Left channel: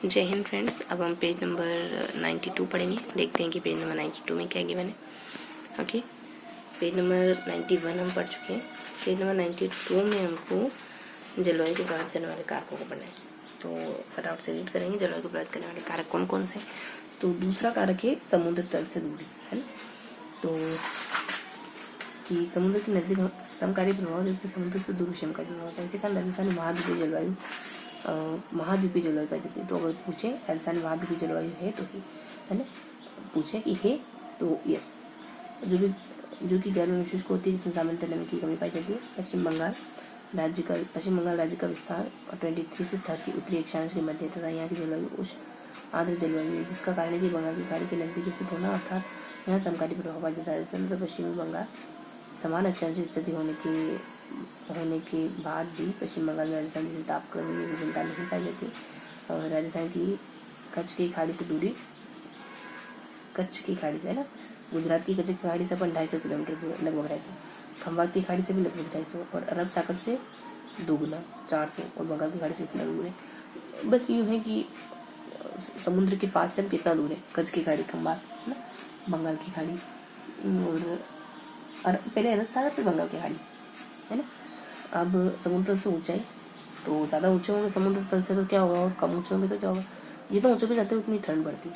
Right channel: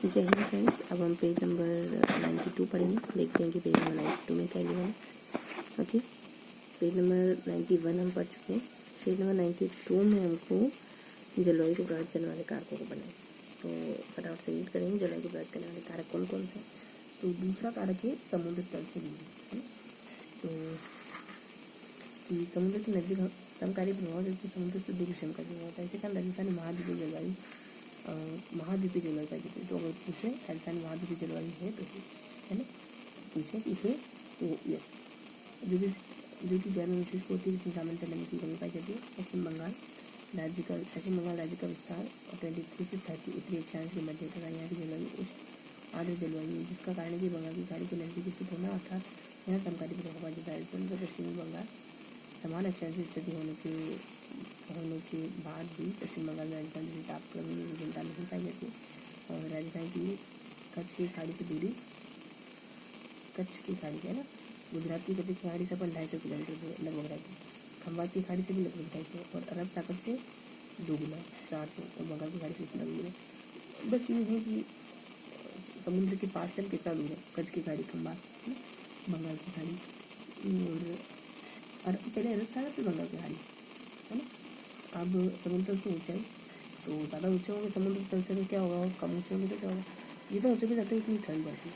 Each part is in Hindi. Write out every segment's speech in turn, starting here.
जय हिंद फ्रेंड्स। अब हम पेज नंबर 92 पढ़ेंगे। देखते हैं कि पेज नंबर 92 में क्या गिवन है। ओके, पेज नंबर 91 हम पढ़ चुके हैं। पेज नंबर 92 में हमको जलवायु को प्रभावित करने वाले कारकों को पढ़ना है। तो फटाफट से रीड करेंगे। जलवायु को प्रभावित करने वाले कारक कौन कौन से। तो दूसरा कारक है समुद्र तल से दूरी, है ना। तो कि समुद्र के नजदीक समकालीन प्रभाव, जबकि समुद्र से दूर समकालीन प्रभाव होता है। इसी कारण राजस्थान महाद्वीपीय जलवायु महाद्वीपीय जलवायु पाई जाती है। तो अगर पूछे राजस्थान महाद्वीपीय जलवायु है तो है ना, पूछे कि है तो यस। जो कि गर्मी में शुष्क होती है, जिसमें सामान्यतः नमी की कमी पाई जाती है। पश्चिम बंगाल राज्य का विस्तार 23 से 30 उत्तरी अक्षांश के मध्य तथा यहाँ की जलवायु उष्ण आर्द्र जलवायु है, जिसका कारण है कि बंगाल की खाड़ी के नजदीक स्थित होना, अर्थात यहाँ समकालीन प्रभाव पाया जाता है। राजस्थान तथा पश्चिमी बंगाल समान अक्षांशीय स्थिति होने के बाद भी पश्चिम बंगाल में राजस्थान जैसी तापक्रमीय विभिन्नता नहीं पाई जाती। और राजस्थान की कच्छ की खाड़ी से दूरी, कच्छ की खाड़ी से है ना, गुजरात की कच्छ की खाड़ी से अपन 250 किलोमीटर दूर, लगभग 250, खंबात की खाड़ी से भी लगभग 250, और अरब सागर से दोगुना 400, और बंगाल की खाड़ी से इतना दूर है। बस यूँ है कि समुद्र के पास से हम कितना दूर है, कच्छ की खाड़ी, खंबात है ना, बंगाल की खाड़ी, और पहले अरब सागर फिर बंगाल की खाड़ी, है ना। अब समुद्र तल से ऊंचाई, तो ज़्यादा ऊंचे होंगे समुद्र तल से तो क्या होगा, और कम ऊंचे होंगे तो क्या होगा। जितना ऊंचे पे जाते हैं उतनी ठंड बढ़ती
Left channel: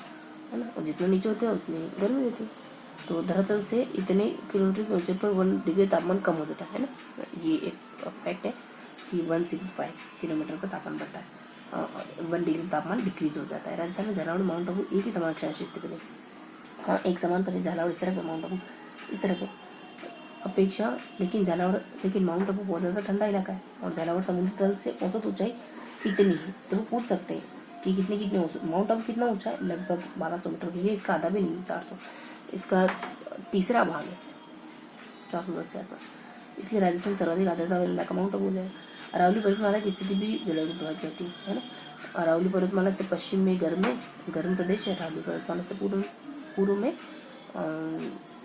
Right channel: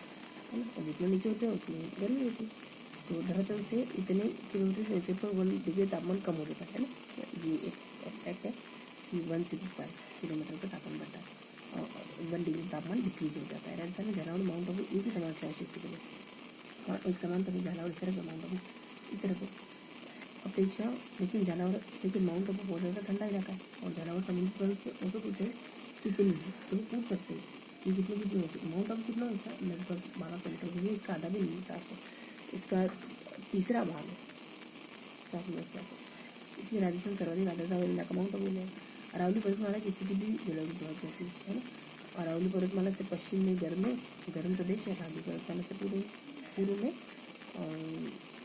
है ना, और जितना नीचे होते हैं उतनी गर्मी होती है। तो धरातल से इतने किलोमीटर के ऊंचे पर 1 डिग्री तापमान कम हो जाता है ना। ये एक फैक्ट है कि 165 किलोमीटर पर तापमान बढ़ता है, 1 डिग्री तापमान डिक्रीज हो जाता है। राजस्थान में झालावाड़ माउंट आबू एक ही समान अक्षांशीय स्थिति में, हाँ एक समान पर झालावाड़ इस तरह का, माउंट आबू इस तरह का अपेक्षा, लेकिन माउंट आबू बहुत ज़्यादा ठंडा इलाका है, और झालावाड़ समुद्र तल से औसत ऊंचाई इतनी है। तो वो पूछ सकते हैं कि कितनी औसत, माउंट आबू कितना ऊंचा है, लगभग 1200 मीटर। ये इसका आधा भी नहीं है, 400, इसका तीसरा भाग है, 410 के आसपास। इसलिए राजस्थान सर्वाधिक आर्द्रता वाला इलाका माउंट आबू हो जाएगा। अरावली पर्वतमाला की स्थिति भी जलवायु को प्रभावित करती है ना। अरावली पर्वतमाला से पश्चिम में गर्म प्रदेश है। अरावली पर्वतमाला से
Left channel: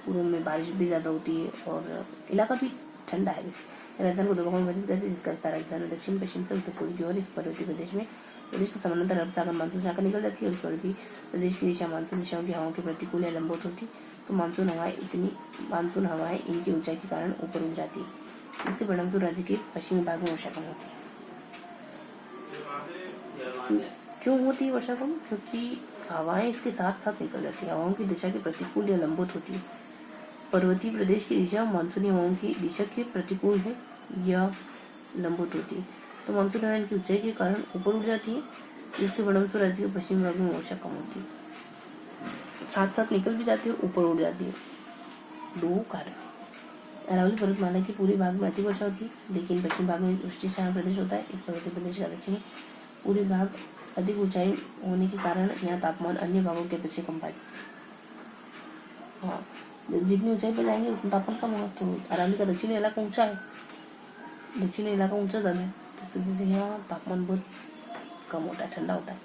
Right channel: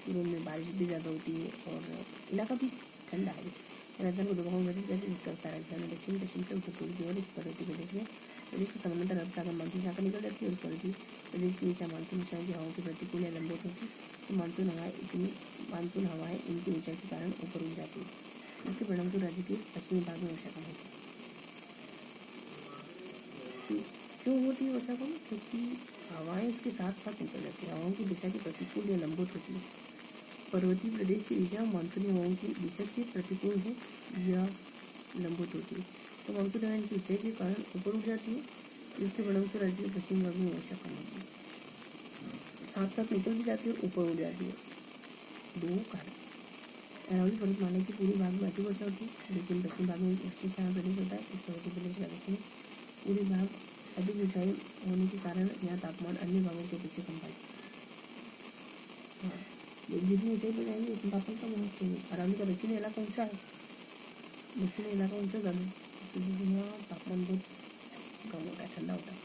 पूर्व में बारिश भी ज़्यादा होती है, और इलाका भी ठंडा है। राजस्थान को दो भागों में विभाजित करते हैं, जिसका विस्तार राजस्थान में दक्षिण पश्चिम से उत्तर पूर्व की ओर। इस पर्वतीय प्रदेश को समानांतर अरब सागर मानसून शाखा निकल जाती है, और इस पर्वतीय प्रदेश की दिशा मानसून दिशाओं की हवाओं के प्रतिकूल या लंबवत होती। तो मानसून हवाएं इनकी ऊंचाई के कारण ऊपर उठ जाती है। इसके परिणामस्वरूप राज्य के पश्चिमी भाग में वर्षा कम होती है। क्यों होती है वर्षा कम? क्योंकि हवाएं इसके साथ साथ निकल जाती है। हवाओं की दिशा के प्रतिकूल या लंबवत होती है। पर्वतीय प्रदेश की दिशा मानसूनी हवाओं की दिशा के प्रतिकूल है या लंबवत होती है। तो मानसून हवाएं की ऊंचाई के कारण ऊपर उठ जाती है, जिसके परिणामस्वरूप राज्य के पश्चिमी भाग में वर्षा कम होती है। साथ साथ निकल भी जाती है और ऊपर उड़ जाती है। दो कारण। अरावली पर्वतमाला के पूरे भाग में अति वर्षा होती है, लेकिन पश्चिम भाग में वृष्टिशान प्रदेश होता है। इस पर्वतीय प्रदेश का दक्षिणी पूरे भाग अधिक ऊंचाई होने के कारण यहाँ तापमान अन्य भागों की अपेक्षा कम पाए। हाँ, जितनी ऊंचाई पर जाएंगे उतना तापमान कम होगा। तो अरावली का दक्षिणी इलाका ऊंचा है, दक्षिणी इलाका ऊंचा ज़्यादा है, इस वजह से यहाँ तापमान बहुत कम होता है, ठंडा होता है।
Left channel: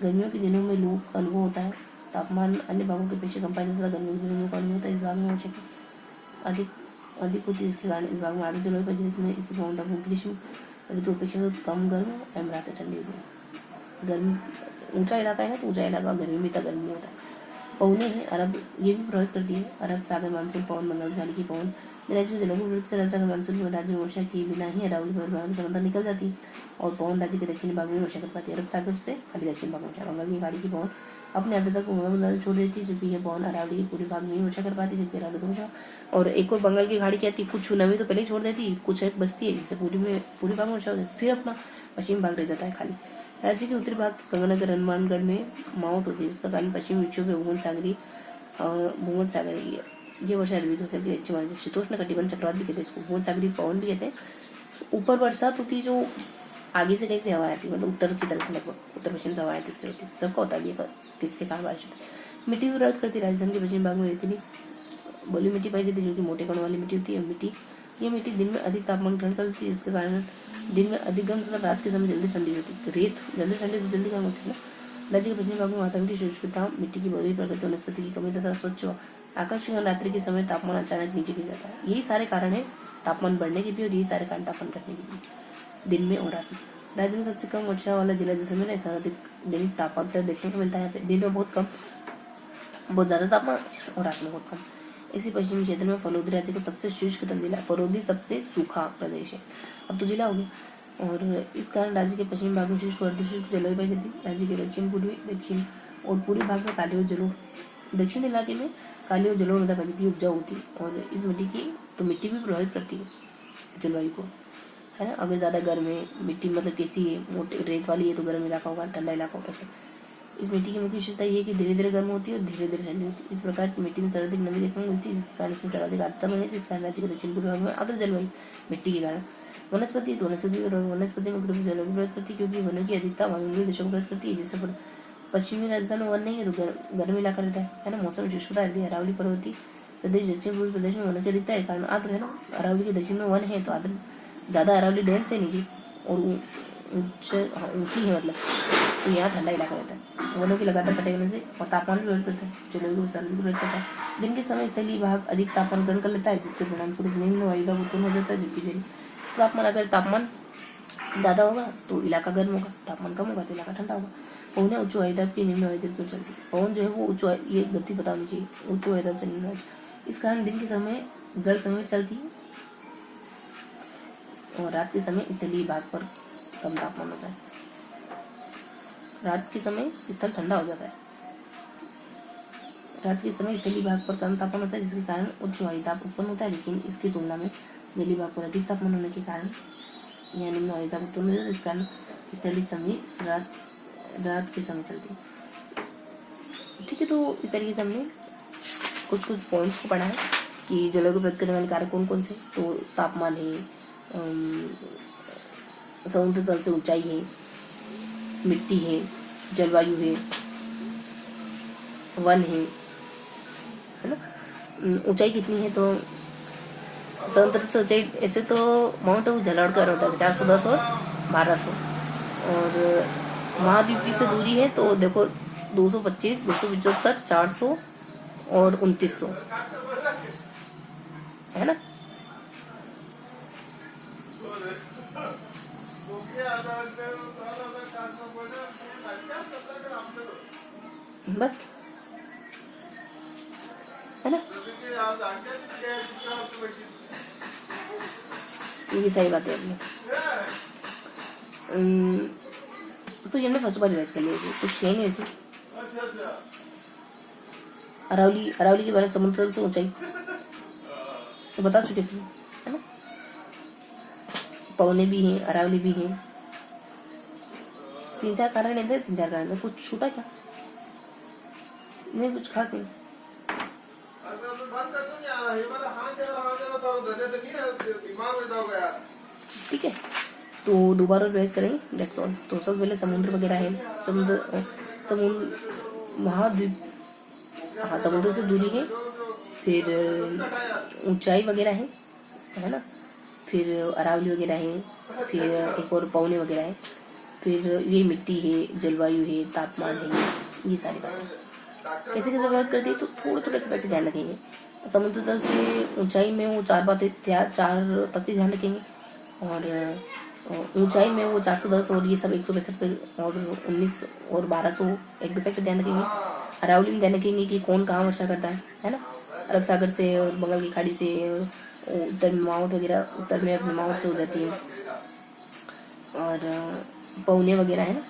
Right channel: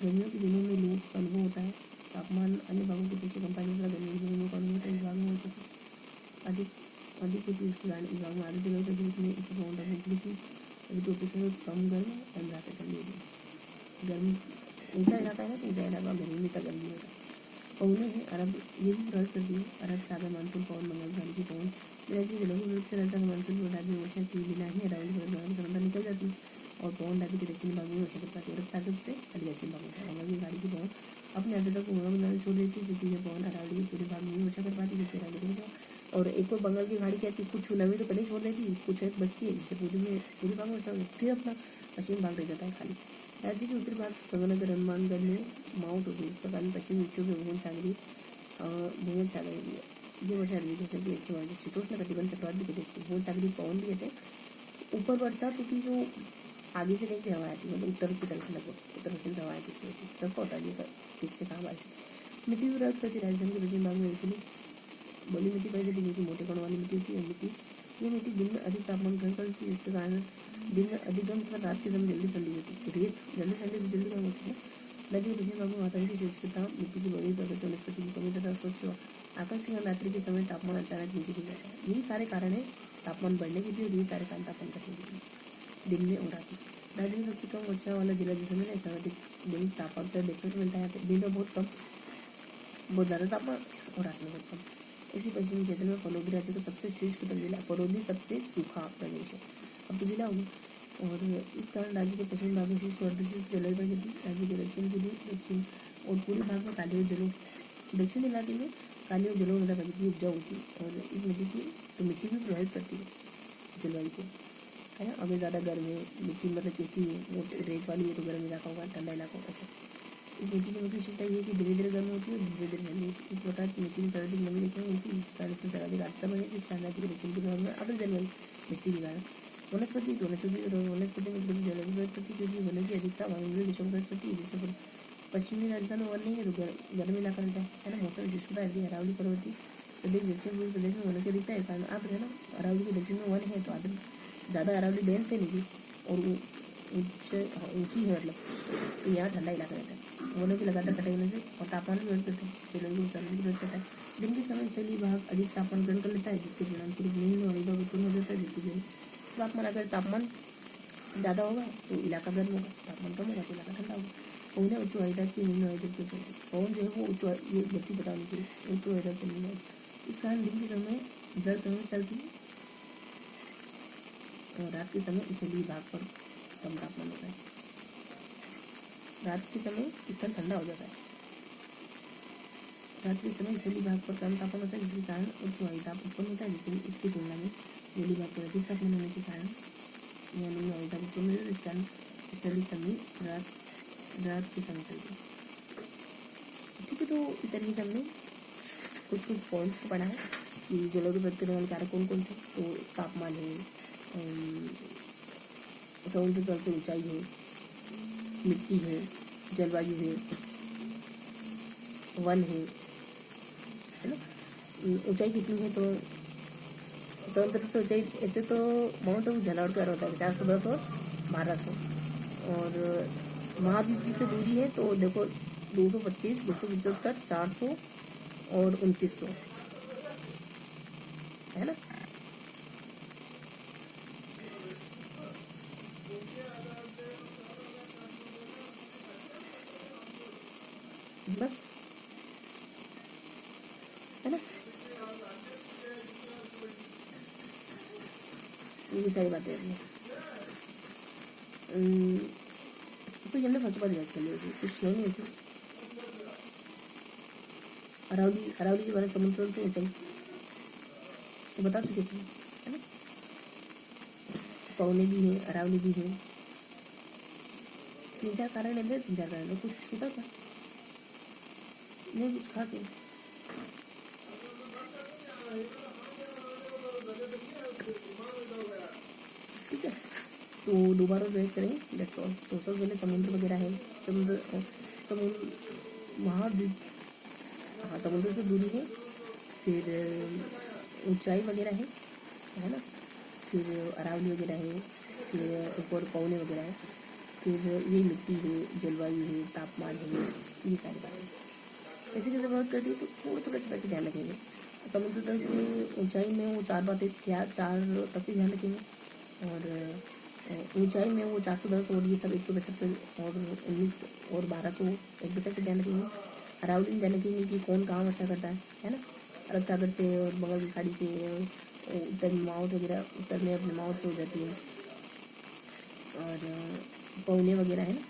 गर्मियों के दिनों में लू का अनुभव होता है। तापमान अन्य भागों के अपेक्षा कम पाया जाता है। गर्मियों के दिनों का अनुभव होता है। इस भाग में ऊंचाई अधिक होती है, इसके कारण इस भाग में आर्द्र जलवायु पाई जाती है, जिसमें इसी माउंट आबू ग्रीष्म ऋतु अपेक्षा कम गर्म एवं रातें ठंडी होती। गर्मी ऊंचा इलाका है ना, तो ऊंचा इलाका गर्मी में तक गर्मी होता है। पवने हैं अरब, ये भी प्रभावित करती है। अरब सागर मानसून पवन, बंगाल की खाड़ी की पवन राज्य जिलों को विरुद्ध अरब सागर मानसून में राज्य में वर्षा के बिना ही अरावली पर्वतमाला से समंदर निकल जाती है, और पवन राज्य के दक्षिणी भाग में वर्षा कर पाती है। अरब सागर से खाली दक्षिण भाग में बंगाल की खाड़ी की पवन अपने आर्द्रता को बंगाल छोड़ देती है, जबकि यह पवन अरावली के पूरे भाग में वर्षा कर पाती है, जबकि अरावली को। और एक और बंगाल की खाड़ी क्या आती है, कुछ नमी तो पहले छोड़ देती है, कुछ एक बचती है, जिससे पूरे भाग में वर्षा हो जाती है। फिर अपना पश्चिम भाग रह जाता है खाली। राज्य के उत्तरी भाग गंगानगर हनुमानगढ़ में माउंट होती है, जिसका कारण पश्चिमी विक्षोभ में भूमध्य सागरीय ये वर्षा अच्छी मानी। शीतोष्ण कटिबंध चक्रवात भी कहते हैं इसको, भूमध्य सागरीय पवन भी कहते हैं। ऊपर बरसात होती है, जो आगे से कहीं से हवा आती है, मतलब उत्तर की तरफ से, लगभग उत्तर पश्चिम से हवा आती है, सबका होता है किससे कहाँ बारिश होती है। मिट्टी विरोध करती है। राजस्थान के पश्चिम भाग में रेतीली बलुई मिट्टी पाई जाती है, जो कि मोटे कण वाली मिट्टी होती है। ये मिट्टी दिन में अधिक तापमान ग्रहण करती है, जिसके कारण दिन में अधिक गर्म तथा रात के समय जल्दी ठंडी होती है। रेत जल्दी ठंडी तो जल्दी गर्म होती है ना। राज्य के पश्चिमी भाग में वातावरण की शुष्कता, मिट्टी की बलुई प्रकृति, वनस्पति की कमी तथा स्वच्छ आकाश के कारण रात्रि के समय तापमान अचानक नीचे गिर जाता है। यही सारे कारण है तापमान बढ़ने के भी, और यही सारे कारण तापमान घटने के भी, दिन में और रात में। राज्य में सबसे कम वर्षा वाला जिला जैसलमेर है, सर्वाधिक दिन तापमान देखने को मिलता है। यहाँ पे दिन में बहुत कम, बहुत ज़्यादा तापमान और रात में बहुत कम। इसी पश्चिमी क्षेत्र में फलोदी राज्य का सबसे शुष्कतम जिला, फलोदी सबसे सूखा प्रदेश है। अब तो जिला हो गया। और इस कारण राज्य के पश्चिमी भाग में शुष्क और अर्धशुष्क जलवायु पाई जाती है। राज्य के दक्षिण पूर्वी, दक्षिण और पूर्वी भाग में काली और जलोढ़, दक्षिण इलाके में काली और जलोढ़ मृदा पाई जाती है, उपजाऊ होती है। और इस मिट्टी की तो मिट्टी भी प्रभावित करती है जलवायु को, है ना। अगर ज़्यादा गर्म है मिट्टी, मतलब कैसी है, मोटे रेत वाली है तो गर्म इलाका होगा, ठंडा इलाका होगा, ऐसे। इस मिट्टी की मुख्य विशेषता ये है कि धीरे धीरे गर्म होती है और धीरे धीरे ठंडी होती है। इस प्रकार की मिट्टी में सर्वाधिक नमी देखने को मिलती है, जिस कारण इसमें सर्वाधिक आर्द्रता बनी है, जिस कारण राज्य के दक्षिण पूर्व भाग में आर्द्र जलवायु मिट्टी के कारण। वनस्पति तो वनस्पति में जलवायु की प्रभावित करती है, क्योंकि वनों की अधिकता वायुमंडलीय देशों को प्रभावित करती है। जैसे पश्चिमी राजस्थान में वन नहीं है तो गर्म इलाका रहता है ना। मौसम शुष्कता रहती है। अरावली पर्वतीय प्रदेश, दक्षिण पूर्व प्रदेश में वनों की अधिकता है कारण आर्द्र है ना। अरावली के दक्षिण में वन है तो आर्द्र ज़्यादा, अरावली डेंस है नीचे और ऊंची है, मतलब तो यहाँ ठंडा इलाका रहता है। वनों की लगातार कटाई होने से और तापमान भी बढ़ जाता है, जलवायु को सर्वाधिक प्रभावित करता है। दिन के समय स्थलीय भाग अधिक तापमान ग्रहण कर लेता है, जिसके परिणाम स्वरूप निम्न वायुदाब उत्पन्न हो जाता है, जबकि तापमान, अगर तापमान ज़्यादा होगा तो इलाका गर्म होगा, तापमान कम होगा तो इलाका ठंडा होगा। पवन उच्च वायुदाब की निम्न वायुदाब क्यों चलती है? पवन जो है वो उच्च, ये गति पता होनी चाहिए, उच्च वायुदाब से निम्न वायुदाब। इस कारण दिन के समय जल समय चलती है और रात के समय स्थलीय भाग पर कम तापमान होता है। रात के समय स्थल ठंडा हो जाता है, रात के समय स्थलीय भाग पर कम तापमान होता है, जिसके कारण उच्च वायुदाब उत्पन्न होता है। लेकिन इसकी तुलना में जलीय भाग पर अधिक तापमान होने के कारण यह निम्न वायुदाब उत्पन्न होता है, जिस कारण स्थलीय समय रात के समय चलती है। ठीक है, तो इस तरीके से हमने कुछ पॉइंट्स को पढ़ा है कि जलवायु को प्रभावित करने वाले कारक कौन कौन से। तो तापमान है, समुद्र तल से ऊंचाई है, मिट्टी है, जलवायु है, वन है ना। ऊंचाई कितनी है तो समुद्र से ऊंचाई ऐसे तो माउंट आबू जलोढ़ का होता है 410 और 1200, और महाद्वीपीय से दूरी है तो देखो 225, 275, 400 और 2900, है ना। बस, है ना, ये सारी बातें अपनी। तो ये हमने फर्स्ट बार रिवाइज कर लिया, कुछ है नहीं वैसे। अरावली के बारे में समुद्र तल से ऊंचाई तो बता चुके थे, है ना। पवने भी हैं, अरावली भी हैं, 3-4 कारण है, 3-4 कारण है। कुछ छूटा क्या? नहीं, कुछ खास नहीं। ठीक है, तो दोबारा रिवाइज करेंगे, दैट्स ऑल। तो सबसे पहले समुद्र वगैरह है, समुद्र महाद्वीप, हाँ, समुद्र से दूरी है, फिर ऊंचाई वगैरह है ना, फिर अरावली वगैरह है, फिर एक और पवने वगैरह है, फिर ये मिट्टी है, जलवायु है, तापमान है, ये सारी बातें कैसे कैसे प्रभावित करती है। तो थोड़े से ध्यान रखेंगे। समुद्र तल से ऊंचाई में वो 4 बातें, 4 तथ्य ध्यान रखेंगे, और ऊंचाई में वो 410 और ये सब 165 और 19 और 1200 एक डिफेक्ट ध्यान रखेंगे। अरावली में ध्यान रखेंगे कि कौन कहाँ वर्षा करता है ना। अरब सागर से और बंगाल की खाड़ी से उत्तर में माउंट वगैरह, उत्तर में अपने माउंट से हो जाती है, और पवने वगैरह है ना।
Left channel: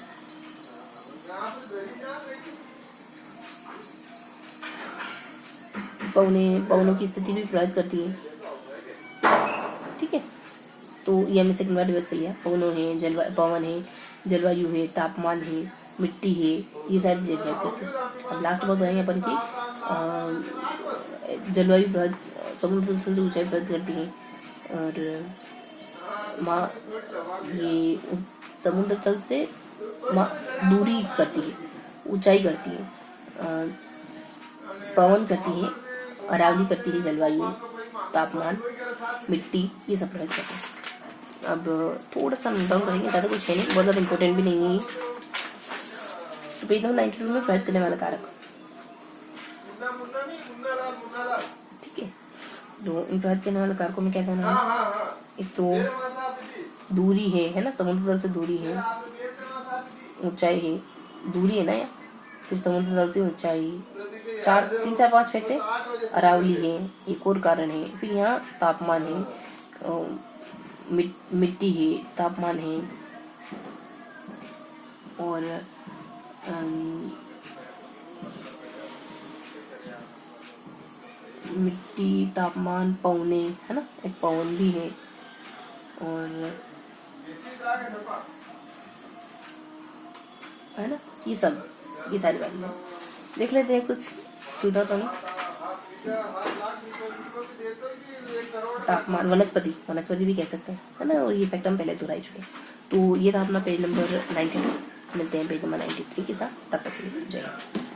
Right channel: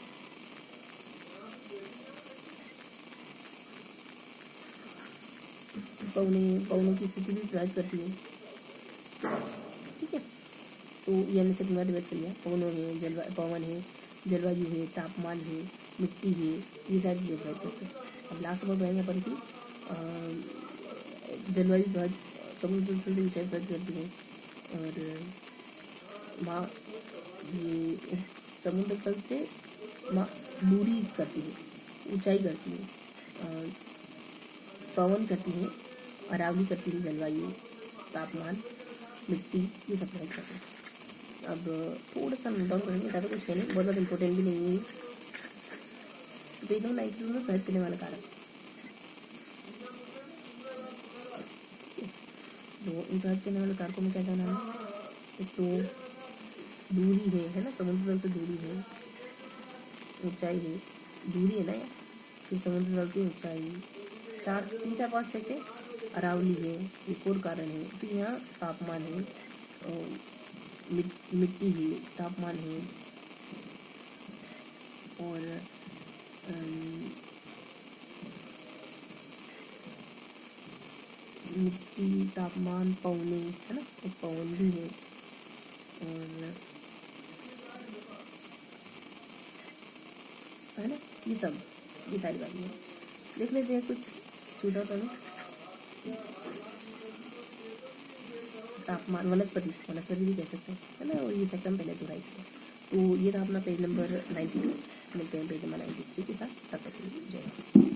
पवनों की स्थिति भी प्रभावित करती है। ठीक है, तो ये हमने सेकंड बार रिवाइज कर लिया। पवन है, जलवायु है, तापमान है, मिट्टी है, ये सारी चीजें प्रभावित करती है। अब लास्ट बात बताएंगे अपन की जलवायु समुद्र से ऊंचाई प्रभावित करती है, और ये समुद्र तल से दूरी करती है, ऊंचाई करती है, पवन करती है, अरावली करती है, जलवायु, तापमान, मिट्टी, ये सब प्रभावित करते हैं। अब थोड़ा सा नोट डाउन करेंगे, ज़्यादा कुछ है नहीं, बहुत ज़्यादा इंपॉर्टेंट भी नहीं है। तो पेज नंबर 92 में प्रभावित करने वाला कारक, ठीक है। तो इन प्रभावित करने वाले कारकों में क्या कहना है? एक तो दूरी है ना, समुद्र तल से दूरी है, ऊंचाई है, दूरी है ना यार। फिर समुद्र तल से ऊंचाई, 3 4 5 फैक्ट है। अरावली है, एक और कारण है। फिर यहाँ तापमान है, मिट्टी है, तापमान है, और मिट्टी, तापमान, पवने, है ना, एक पवन भी है, और है ना, ये सब, ये सारी बातें हैं। देख लेते हैं कुछ छूटा तो नहीं। तापमान, वनस्पति, वनस्पति भी कह सकते हैं, है ना, और ये फैक्ट हम पहले दोहराई चुके। तो ये था अपना पेज नंबर 92। मिलते हैं पेज नंबर 93 के साथ, तब तक के लिए जय हिंद।